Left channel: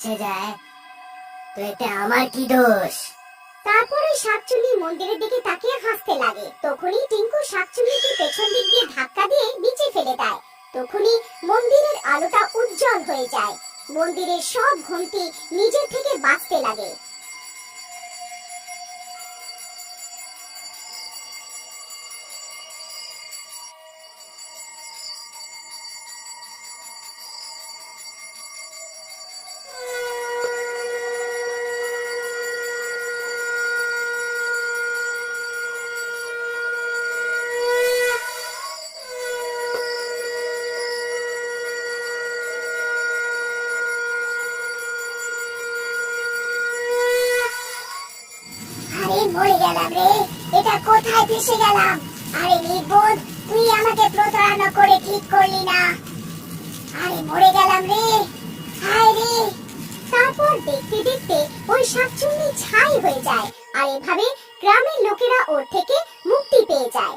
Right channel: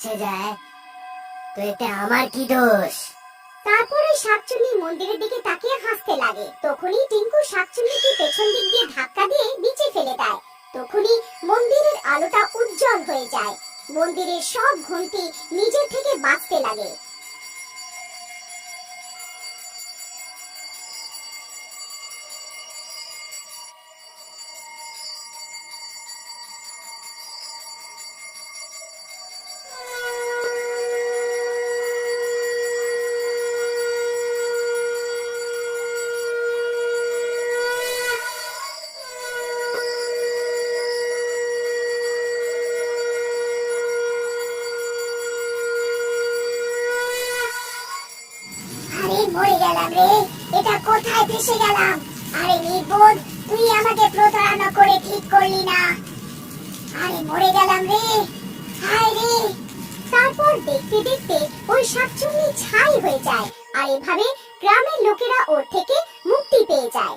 মুছে যায়, তো এতে আমার কি দোষ? তারপরে শাকচুন্নি মন্দিরের দিকে তাকিয়ে হাসতে লাগে। তখনই টিঙ্কু শাকচুন্নিকে পেছন দিক দিয়ে ধাক্কা দিয়ে নিচে ফেলে দেয়। তখনই মন্দিরের আলোটা উজ্জ্বল হয়ে যায়। মন্দিরের সব ঘন্টি নিজের থেকে বাজতে লাগে। আরে মরে গেলাম রে, এটা কোথায় ফেসে গেলাম? আরে নির্বোধ, তুই আমাকে প্রতারণা করে ঠিক করলি না। আরে মরে গেলাম রে, হায় রে। তারপর দেখতে দেখতে ওই শাকচুন্নি ছাই হয়ে যায়, আর এভাবে গ্রামের লোকেরা ওর থেকে মুক্তি পেয়ে যায়।